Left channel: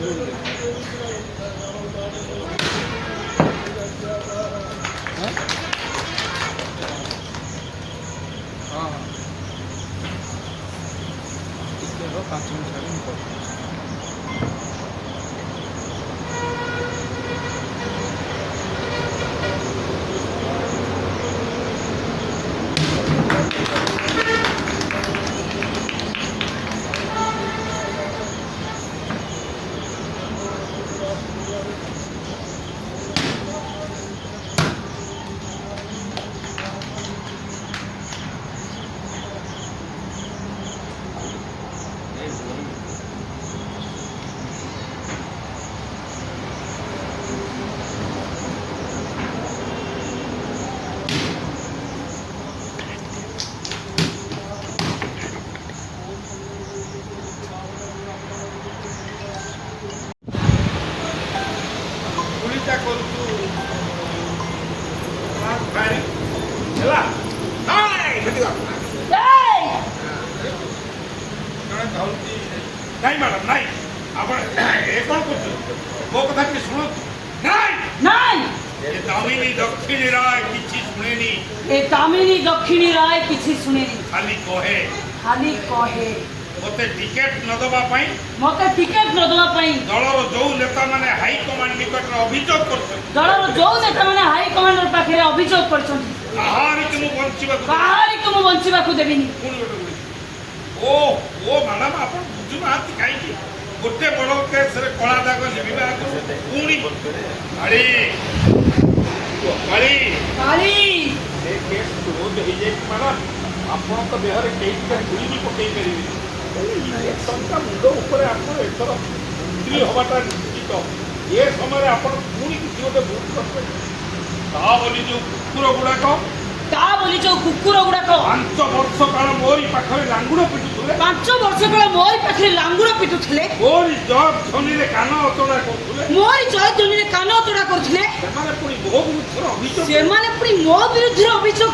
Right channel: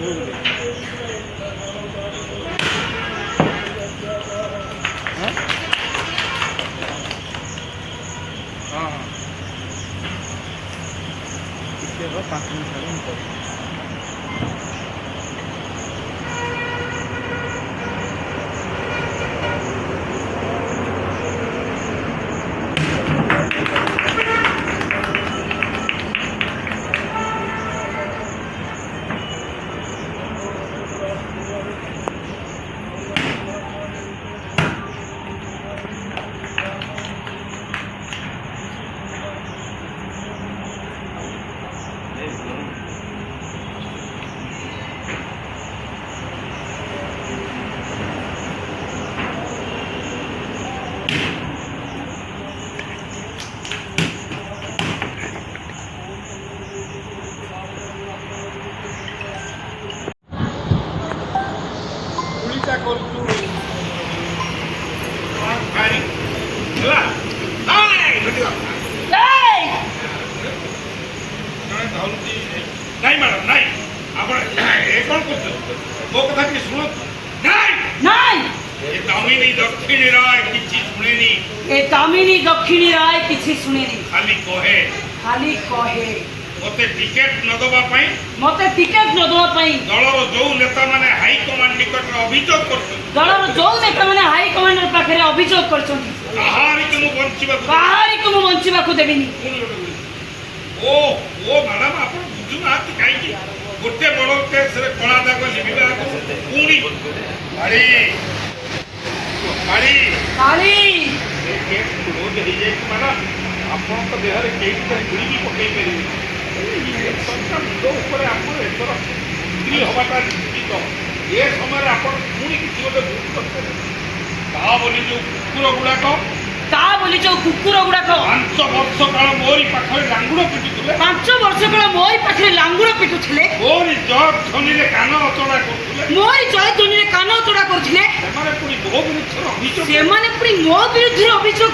हाँ 5 मिनट गुलिटा करूँ नहीं मैडम नहीं आप कौन कर मो कथा कि शुणु नहीं नहीं ए दामिनी दक्षिणी राय किछि सुनेनी ए दामिनी दक्षिणी राय किछि सुनेनी खाली कहे मते टिकेट न दबा पई दलर जो नेता माने हाई कमांड निकट अभियोग करछन दलर जो नेता माने हाई कमांडर पाखरे अभियोग करछन काहारी को बंचिबा को देबिनी ओ ओ मैडम आप बुझु नाती काई की गोटे बड़ केस रे कला दाग लिबिबा को पुणी काली काली काली ए केस क्लोज हो जाय मैडम आपन को देह रे केस पर गुली भी पकई करी इलेक्शन का मुंडो ऊपर आपन एथर मंत्री होबाटा निश्चित ए समय आपन पुणी किसी गोटे भूल करते का बोली जो कुकुर गुडाक 5 वर्ष काल मोरी पाखरे लांगुड़ पिटुले 5 वर्ष काल मोरी पाखरे लांगुड़ पिटुले मोरी जग धनीले कान अतड़ा करथुले मोरी जग धनीले कान अतड़ा करथुले सेमाने पुनी मो विरुद्धर अभियोग